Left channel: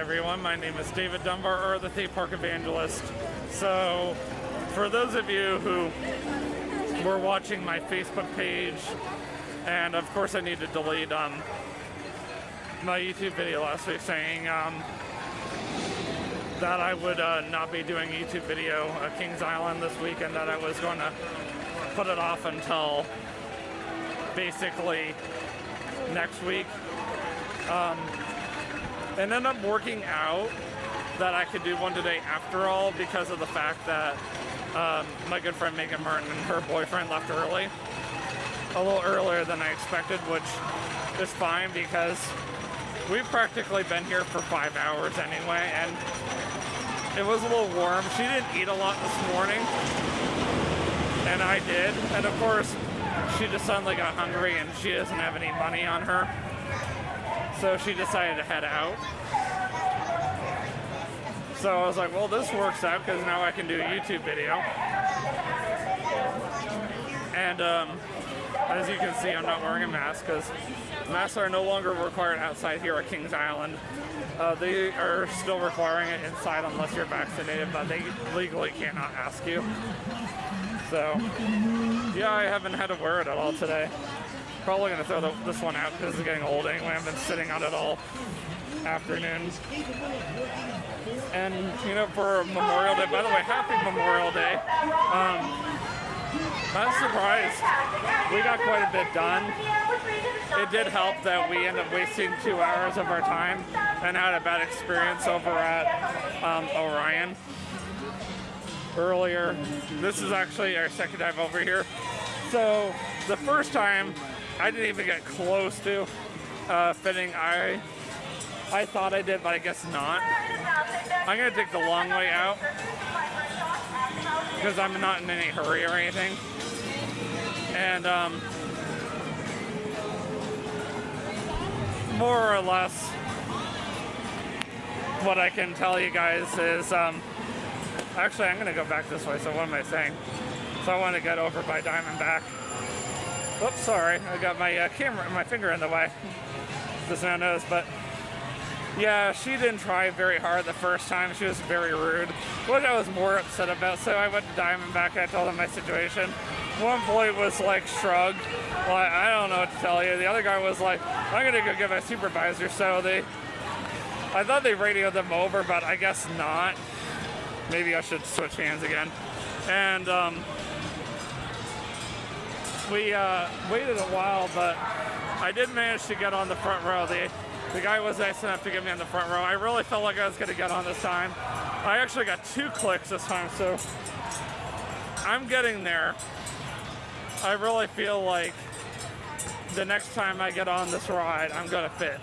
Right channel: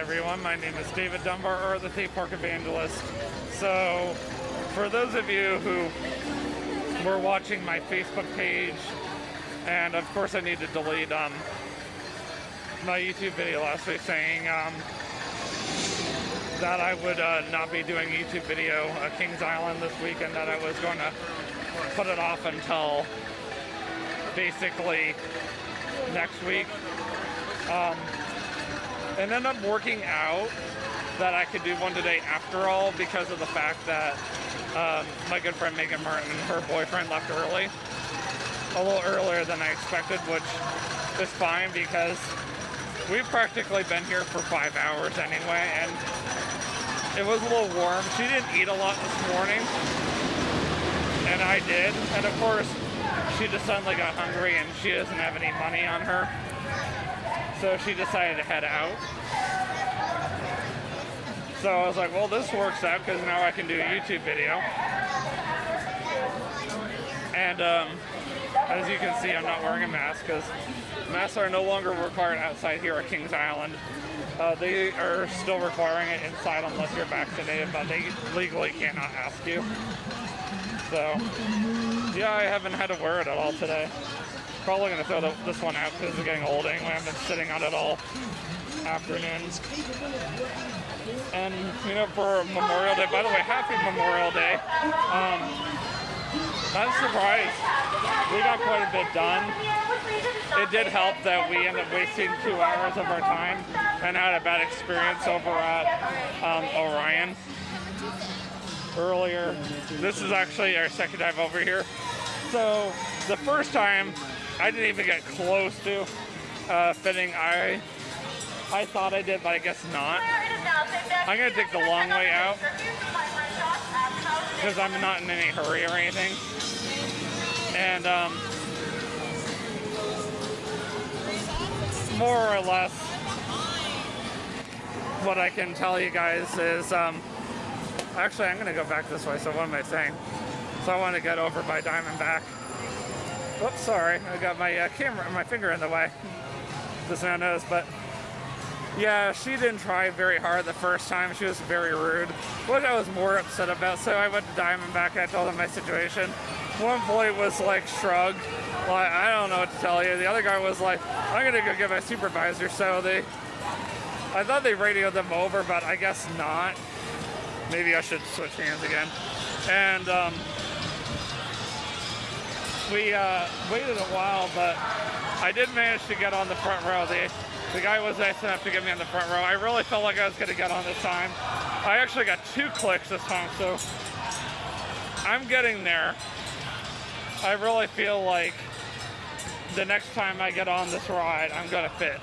everyone, my name is David Dunbar, or the Theme Park Evangelist. So, for those of you who were watching my Facebook page, and of course I need to delete my YouTube video last week saying that I would not be doing YouTube video Kings Island this week, and that I was going to put it off until basically next week. It ended up working out that I could do one today after all, because of the fact that my good friend Megan Martin and her boyfriend left early, a little earlier than I expected, which is fine because we've practically been here for 5 hours anyway, and it was a little warm. She didn't eat a lot this morning, and I did, and of course she just suddenly got hungry and she doesn't have any money on her, so she decided to head out. So I was like, well, this works out because now I can do a YouTube video. And as you can see, I'm not wearing a mask because masks are no longer required outside here at Kings Island. They are still requiring it inside unless you're vaccinated, but they legally cannot ask you. So, yeah, I haven't had to wear it at all today. Probably going to throw this one out because it's getting old anyway. I've been sitting on it all afternoon. And, you know, for Memorial Day, by the way, happy Memorial Day. I'm surprised. We got quite a bit done. It did help that we ended up wasting 2 hours of our time and had a bad experience over at Orion earlier. This is actually our second time over here. So the first time I didn't even get close to fitting. I thought I did, but I guess not. I'm gonna take the long way out because I'm not in any hurry or anything. And more or less what I can tell you guys is actually I'm gonna go back this way, so what am I saying? So I want to get over by Diamondback. Oops, sorry, I got my my finger in the way. Just now noticed, but yeah, she didn't try very hard the first time. She was very rude, which I was more upset about. So I went to Diamondback and I told them my situation. One employee was like, shrugged, like, I don't know what to tell you. The other guy was like, I'm gonna go get my supervisor. So I thought they radioed them over, but I guess not. Maybe I should switch hands again. And we waited a while, but I did manage to get on the front row. The guy was nice enough to get me on the front row. I really felt like I was gonna get on this time. I actually got 2 clicks this time, so I'm getting there. I really feel like the next time I get on this ride, I'm gonna fit.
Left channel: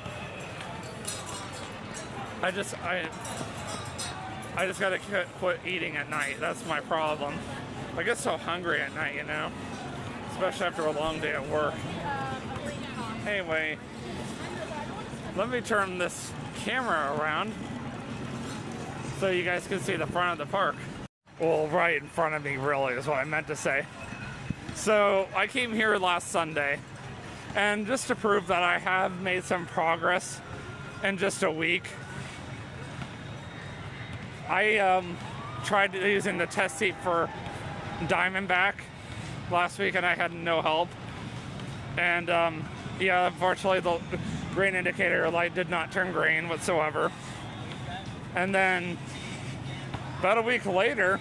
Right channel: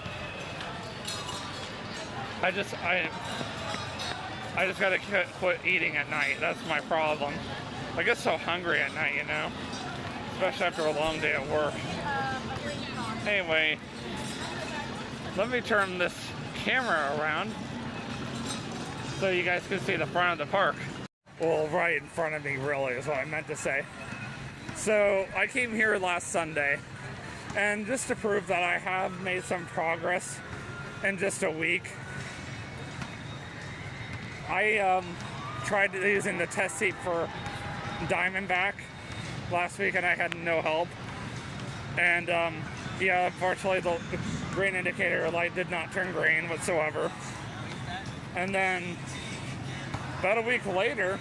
I just gotta quit eating at night. That's my problem. I get so hungry at night, you know, especially after a long day at work. Anyway, let me turn this camera around so you guys can see the front of the park. Well, right in front of me, really, is what I meant to say. So I came here last Sunday, and just to prove that I have made some progress in just a week, I tried using the test seat for Diamondback last week, and I had no help. And yeah, unfortunately, the green indicator light did not turn green whatsoever. And then about a week later,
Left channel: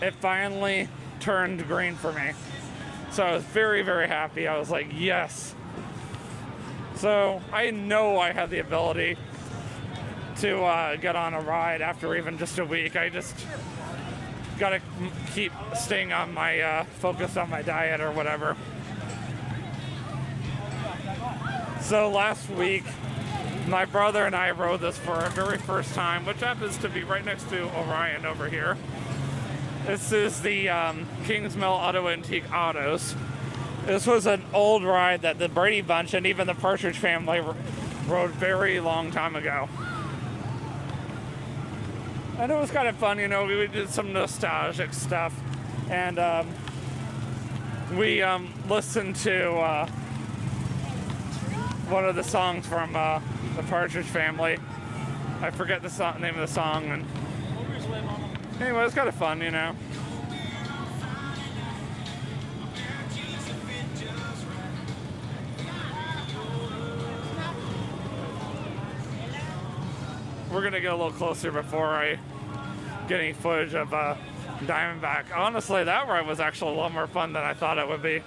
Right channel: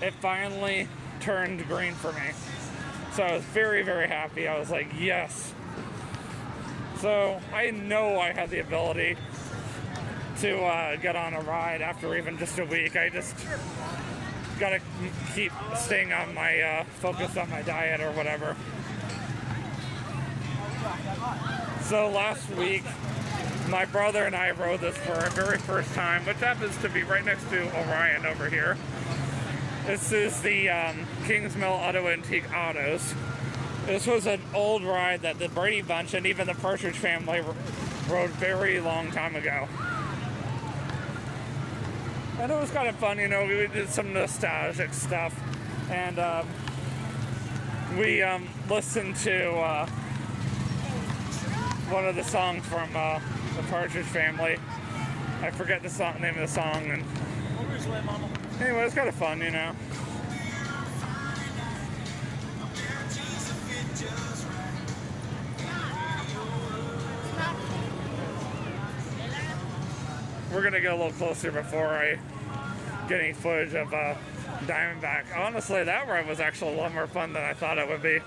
it finally turned green for me. So I was very, very happy. I was like, yes. So I know I have the ability to get on a ride after even just a week. I just gotta keep staying on my focus on my diet or whatever. So last week, my brother and I rode this for our very first time, which happens to be right next to Orion over here. This is the Kings Mill Auto Antique Autos. This was an old ride that the Brady Bunch and even the Partridge Family rode very long time ago. And it was kind of fun, you know, we did some nostalgic stuff. And we listened to one of the songs from the Partridge Family. I forget the name of the song. And anyway, it's kind of fun, you know. We're gonna get a little closer before I get any footage of Diamondback. Honestly, that ride was actually a lot more fun than I thought it would be.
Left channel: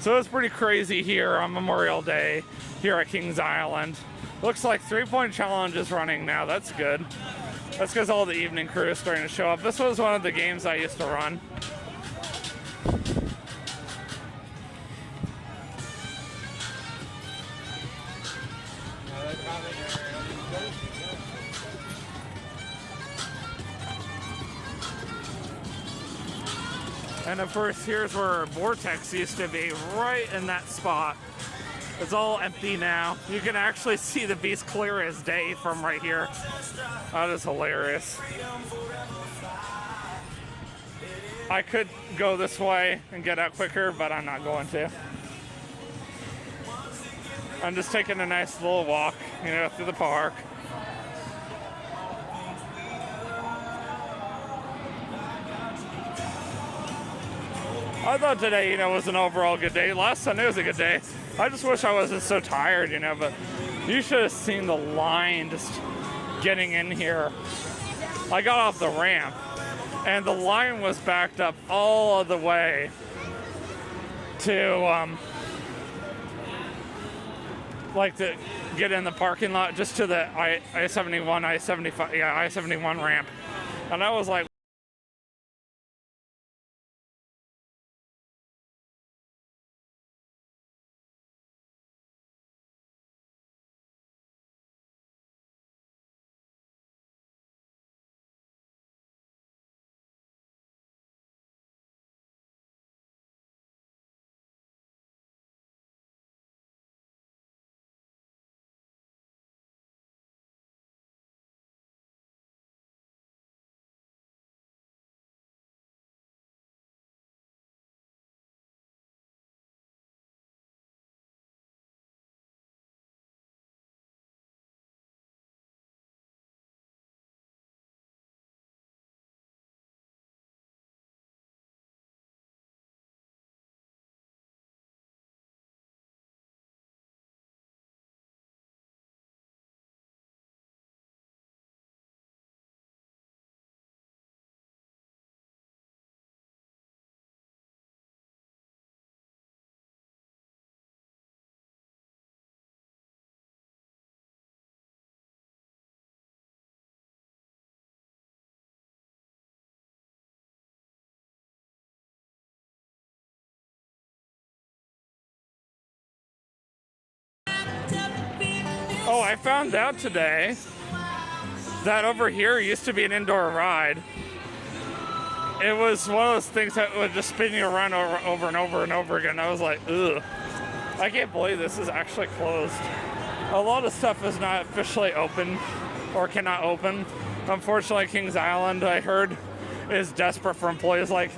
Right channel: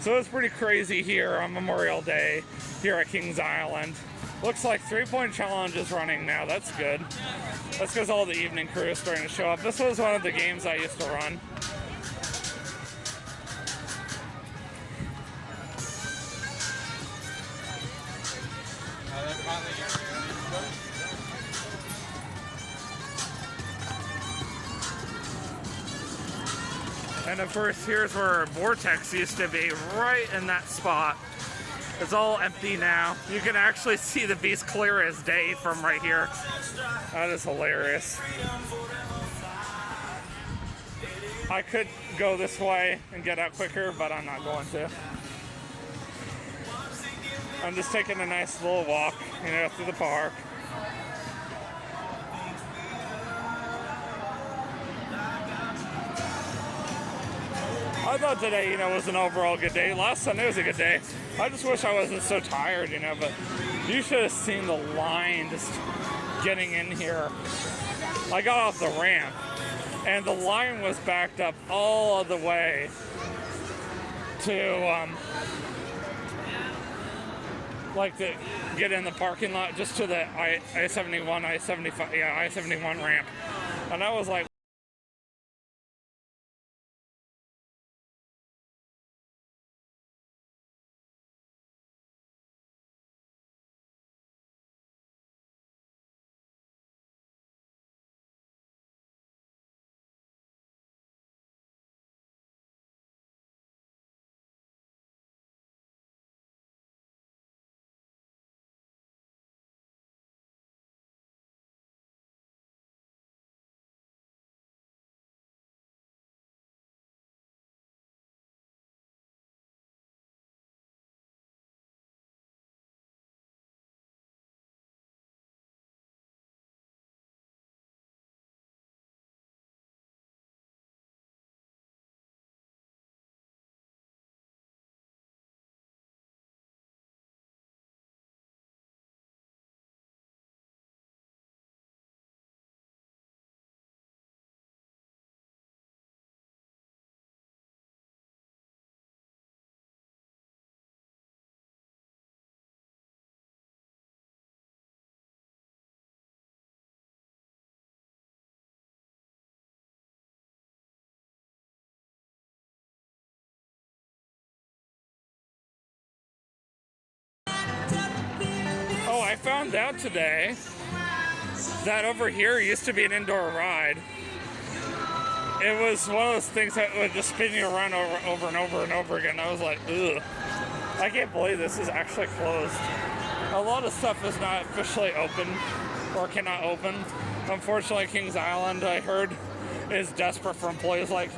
So it's pretty crazy here on Memorial Day here at Kings Island. Looks like 3-point challenge is running now. That's good. That's because all the evening crew is starting to show up. This was one of the games I used to run. And of course, here's where Vortex used to be, right in that spot. It's all empty now. You can actually see the beast clear as day from right here. That is hilarious. I could go this way and get out quicker, but I'm not going to. I'm just taking a nice little walk, you know, through the park. I thought today, you know, was an overall good day. Last Sunday was a good day. I just wish I wasn't so tired, you know, but you should have seen the line just getting in here. I got off the ramp, and the line was backed up all of the way to, like, to get in the parking lot, just to the I-71, I-75, yeah, I-71 ramp. And I was like, oh, I found out today that over here used to be an indoor ride. It was one of those things that would just spin you around over and over and over again. I was like, ugh. I can't believe this is actually closed. A lot of stuff is not officially open or cannot open. Unfortunately, Kings Island, I heard, is desperate for employees. Like,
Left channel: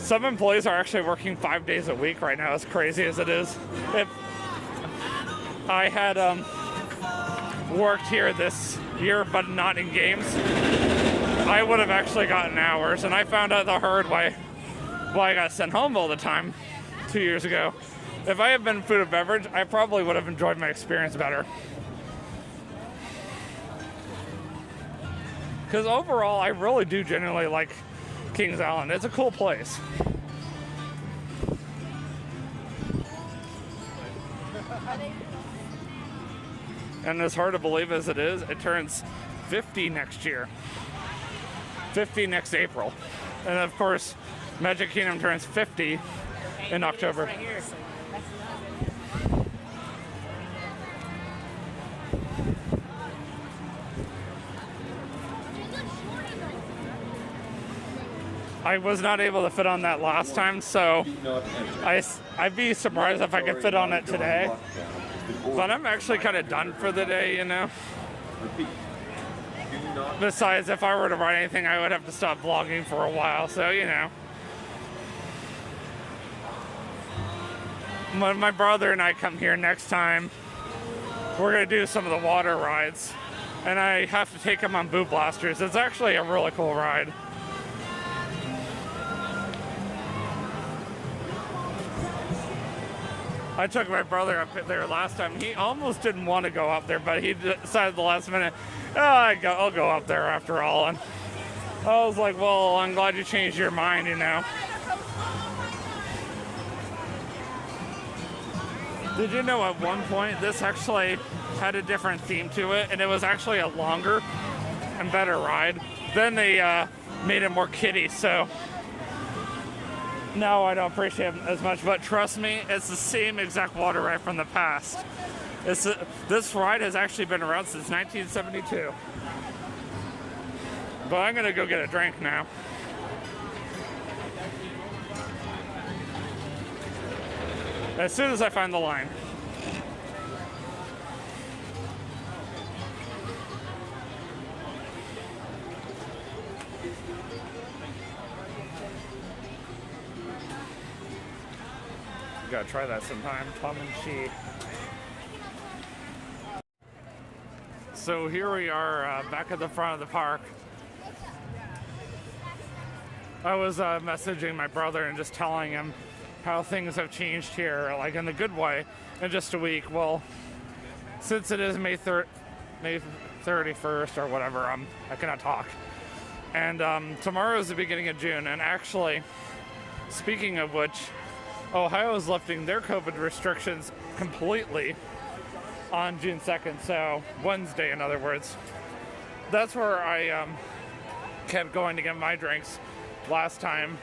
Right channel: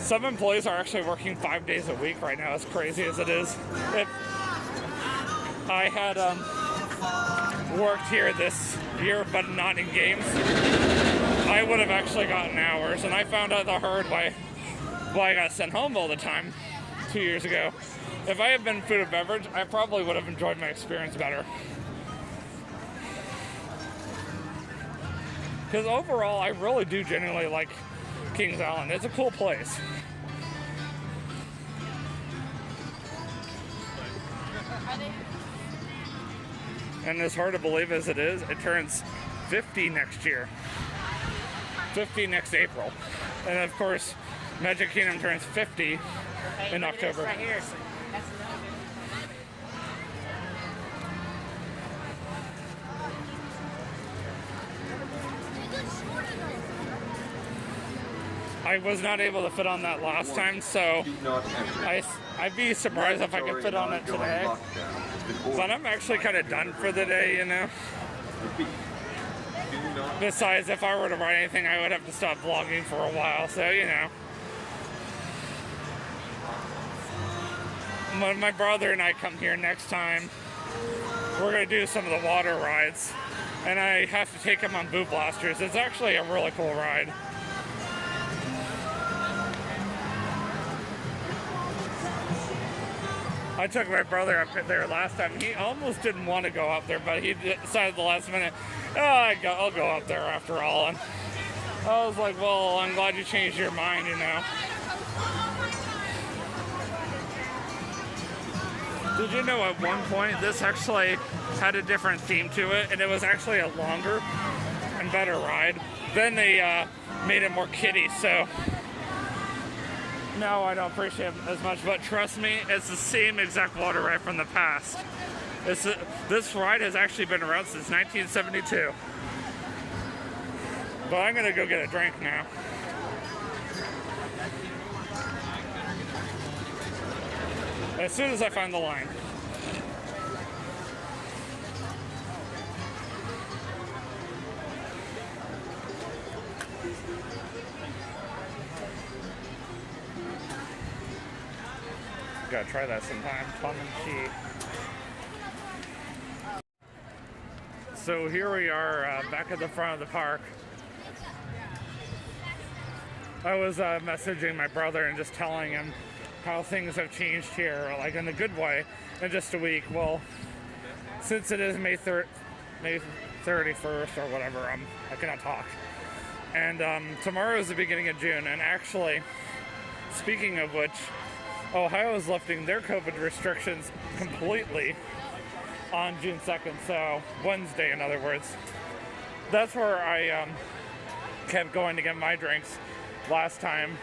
some employees are actually working 5 days a week right now, as crazy as it is. If I had worked here this year, but not in games, I would have actually gotten hours. And I found out the hard way why I got sent home all the time 2 years ago. If I had been food and beverage, I probably would have enjoyed my experience better. Because overall, I really do genuinely like Kings Island. It's a cool place. And as hard to believe as it is, it turns 50 next year. 50 next April. And of course, Magic Kingdom turns 50 in October. Right here. I was not able to fit on that last time, so I'd be surprised if I could fit on it today. But I'm actually kind of done for the day, you know. Besides, if I were to write anything, I would have to stop vlogging for a while, so, you know. When my brother and I come here next time, we're gonna do some of the water rides, and I have to take him on boot blasters. It's actually a really cool ride. I took my brother up there last time. He almost didn't want to go up there, but he decided the last minute, oh, I'll go up there after all. And I was like, well, I'm glad you changed your mind, you know. Did you know at one point this actually had a different theme to it, and it was actually a longer and better ride? Then they made it more kiddie, so no, I don't appreciate it as much, but trust me, it's the same exact water ride from the past. This ride has actually been around since 1972. But I'm gonna go get a drink now. As soon as I find the line. Gotta try that sometime. Plum and cheese. So here we are back at the front of the park. I was messaging my brother and just telling him how things have changed here, like in a good way, in just a week. Well, since it is May 31st or whatever, I cannot talk. And tomorrow is the beginning of June, and actually, speaking of which, Ohio is lifting their COVID restrictions completely on June 2nd, so Wednesday, in other words. That's where I kept going to get my drinks last time,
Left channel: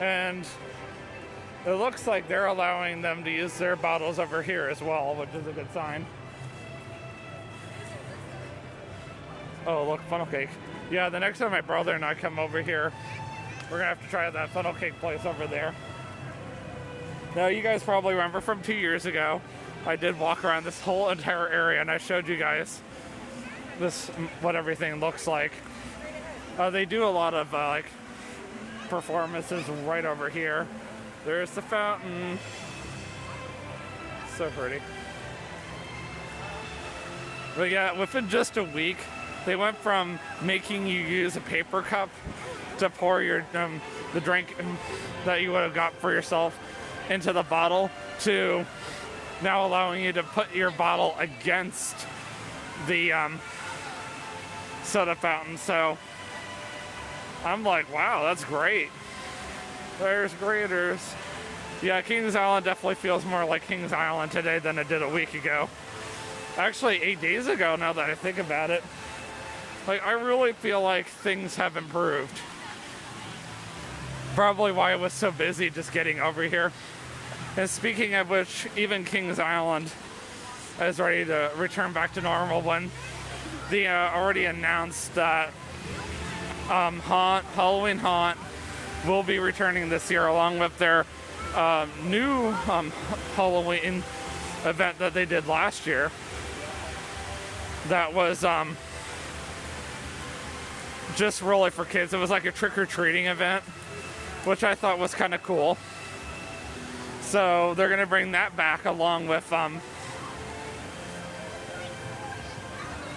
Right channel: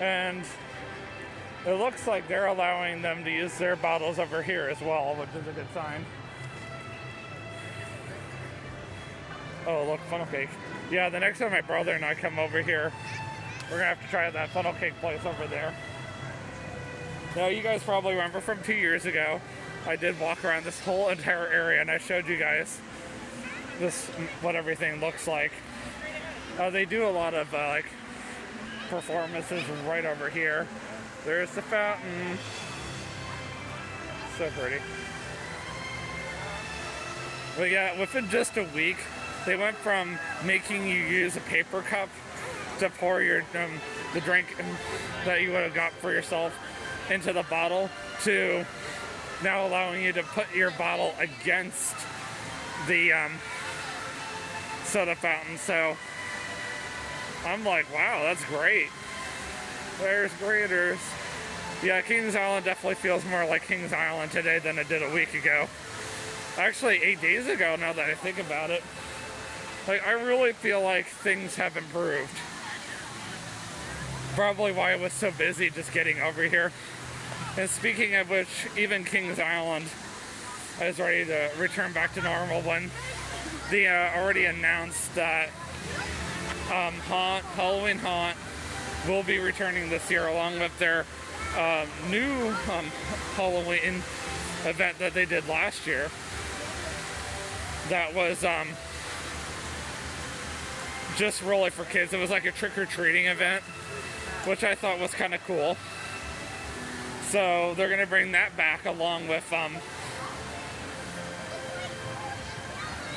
and it looks like they're allowing them to use their bottles over here as well, which is a good sign. Oh, look, funnel cake. Yeah, the next time my brother and I come over here, we're gonna have to try that funnel cake place over there. Now, you guys probably remember from 2 years ago, I did walk around this whole entire area and I showed you guys what everything looks like. They do a lot of like performances right over here. There's the fountain. So pretty. But yeah, within just a week, they went from making you use a paper cup to pour your the drink that you would have got for yourself into the bottle, to now allowing you to put your bottle against the soda fountain. So I'm like, wow, that's great. There's graders. Yeah, Kings Island definitely feels more like Kings Island today than it did a week ago. Actually, 8 days ago, now that I think about it. Like, I really feel like things have improved. Probably why I was so busy just getting over here. And speaking of which, even Kings Island is ready to return back to normal when they already announced that Halloween Haunt will be returning this year, along with their new Halloween event that they did last year. That was just really for kids. It was like a trick-or-treating event, which I thought was kind of cool. So they're going to bring that back along with the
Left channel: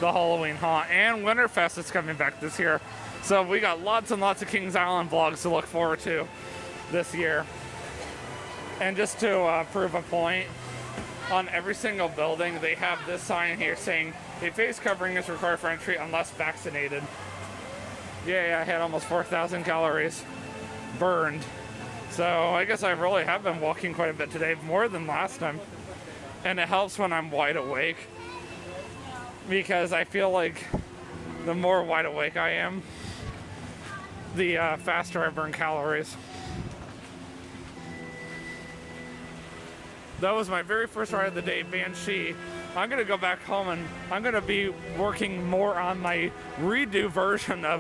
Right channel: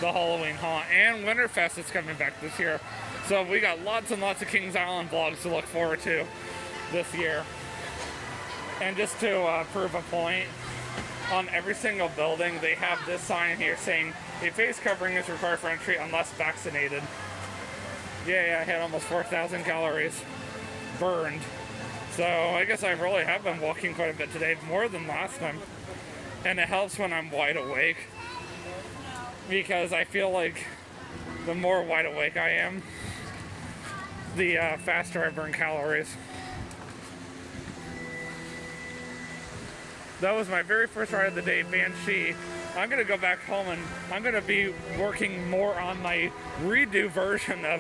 Halloween Haunt, and WinterFest is coming back this year. So we got lots and lots of Kings Island vlogs to look forward to this year. And just to prove a point, on every single building they have this sign here saying a face covering is required for entry unless vaccinated. Yeah, I had almost 4,000 calories burned. So I guess I really have been walking quite a bit today, more than last time. And it helps when I'm wide awake, because I feel like the more wide awake I am, the faster I burn calories. That was my very first ride of the day, Banshee. I'm gonna go back home and I'm gonna be working more on my redo version of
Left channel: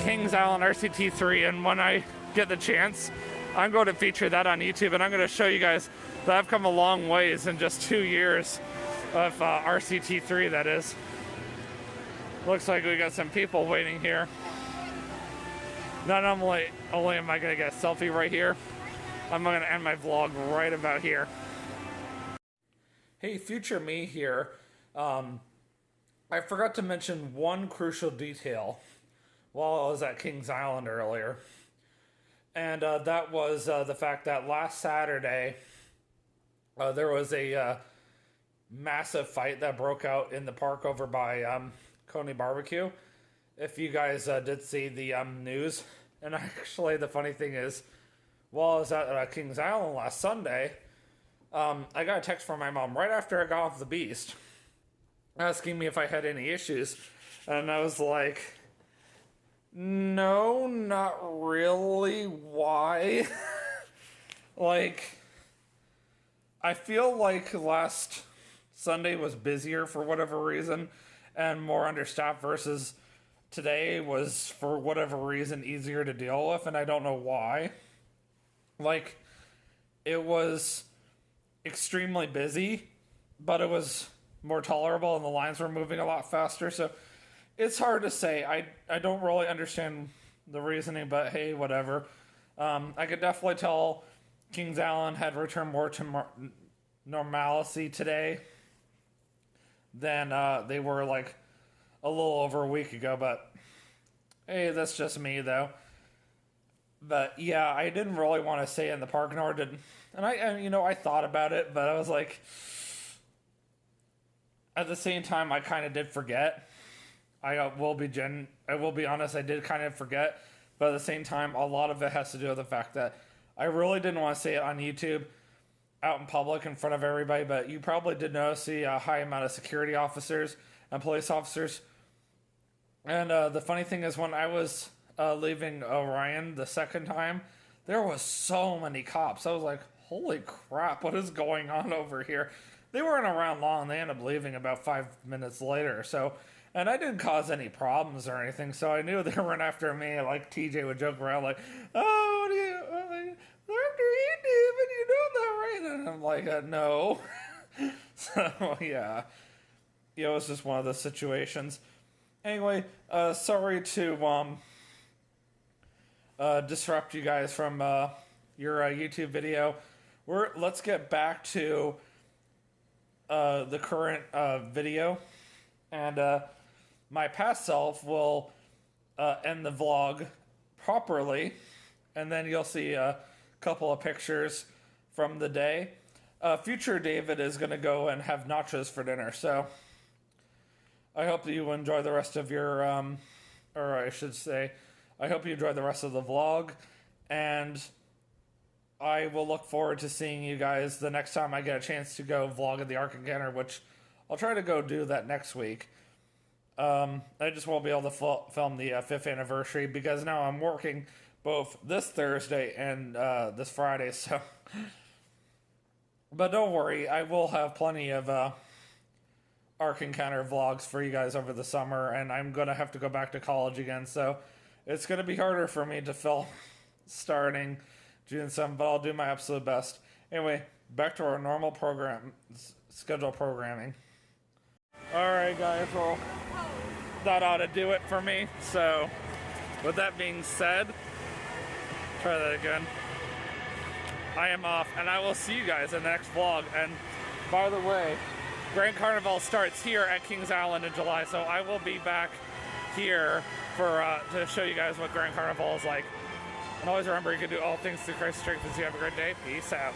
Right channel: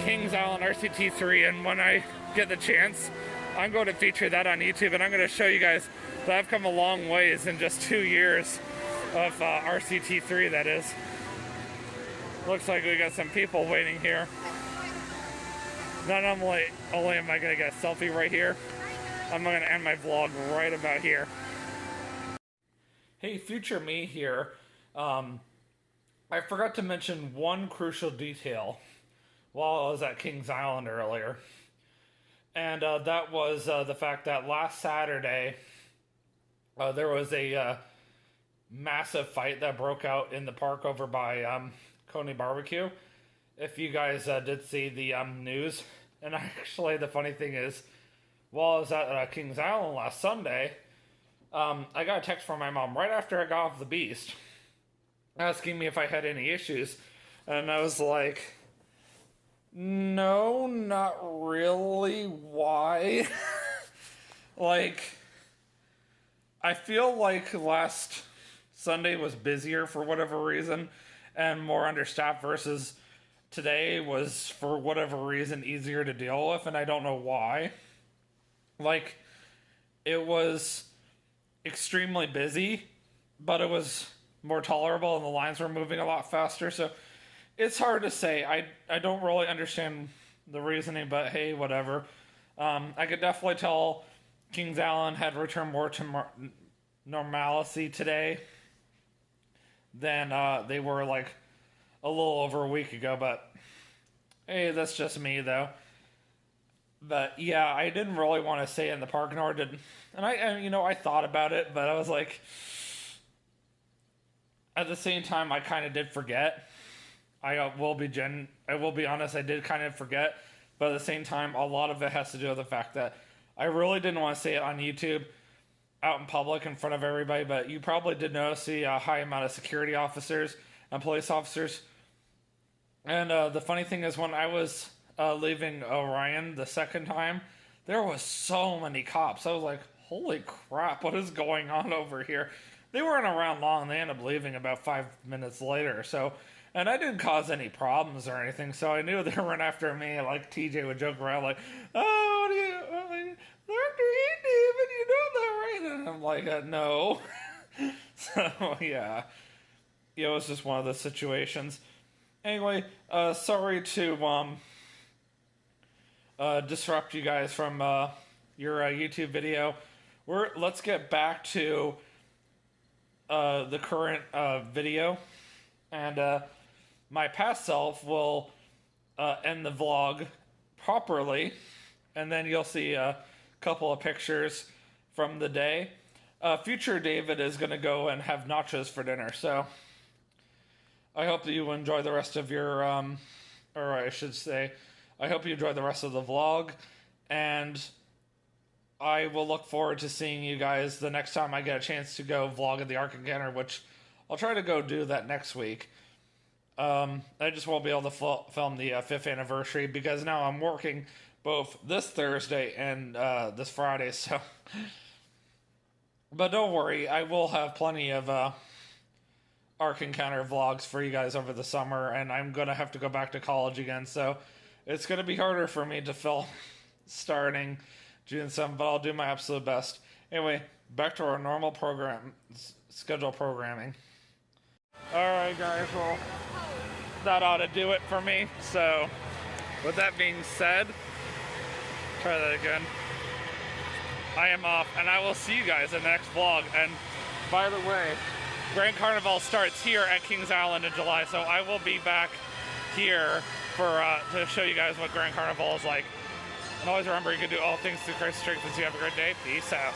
Kings Island RCT3, and when I get the chance, I'm going to feature that on YouTube, and I'm going to show you guys that I've come a long ways in just 2 years of RCT3, that is. Looks like we got some people waiting here. Not only am I going to get a selfie right here, I'm going to end my vlog right about here. Hey, future me here. I forgot to mention one crucial detail while I was at Kings Island earlier. And that was the fact that last Saturday, there was a massive fight that broke out in the park over by Coney Barbecue. If you guys did see the news. And actually, the funny thing is, while I was at Kings Island last Sunday, I got a text from my mom right after I got off the Beast asking me if I had any issues. And I was like, no, not really. Why? Like, I feel like last Sunday was busier for whatever reason and more understaffed versus today was, for whatever reason, easier to deal with, and I don't know why. Like, it was extremely busy, but it was more tolerable and the lines were moving a lot faster, so it's hard to say. I don't really understand the reasoning, but hey, whatever. I could definitely tell Kings Island had returned more to normalcy today than they were like a little over a week ago, but hey, that's just me though. But yeah, I didn't really want to stay in the park, nor did, and I thought about it, but I was like, at the same time, I kind of did forget. I will be honest, I did kind of forget, but at the same time, a lot of it has to do with the fact that I really didn't want to say it on YouTube, out in public in front of everybody, but you probably did notice the high amount of security officers and police officers. And the funny thing is, when I was leaving Orion the second time, there was so many cops. I was like, holy crap, what is going on over here? They weren't around long. They ended up leaving about 5 minutes later. So, and I didn't cause any problems or anything, so I knew they weren't after me. Like TJ would joke around like, oh, what are you, like, they're after you, David, you know that, right? And I'm like, no. So, yeah. It was just one of those situations. Anyway, sorry to disrupt you guys from your YouTube video. Let's get back to the current video, and my past self will end the vlog properly, and then you'll see a couple of pictures from the day. Future David is going to go and have nachos for dinner, so I hope that you enjoy the rest of your, or I should say, I hope you enjoy the rest of the vlog, and I will look forward to seeing you guys the next time I get a chance to go vlog at the Ark Encounter, which I'll try to go do that next week. I just won't be able to film the 5th anniversary because now I'm working both this Thursday and this Friday, so. But don't worry, I will have plenty of Ark Encounter vlogs for you guys over the summer, and I'm going to have to go back to college again, so it's going to be harder for me to film starting June 7th, but I'll do my absolute best. Anyway, back to our normal schedule programming. Alright guys, well, that ought to do it for me. So, with that being said, try that again. I am off, and I will see you guys in the next vlog. And by the way, Grand Carnivalle starts here at Kings Island in July, so I will be back here for to show you guys what Grand Carnivalle is like. And always remember, you can do all things through Christ strengthens you. Have a great day. Peace out.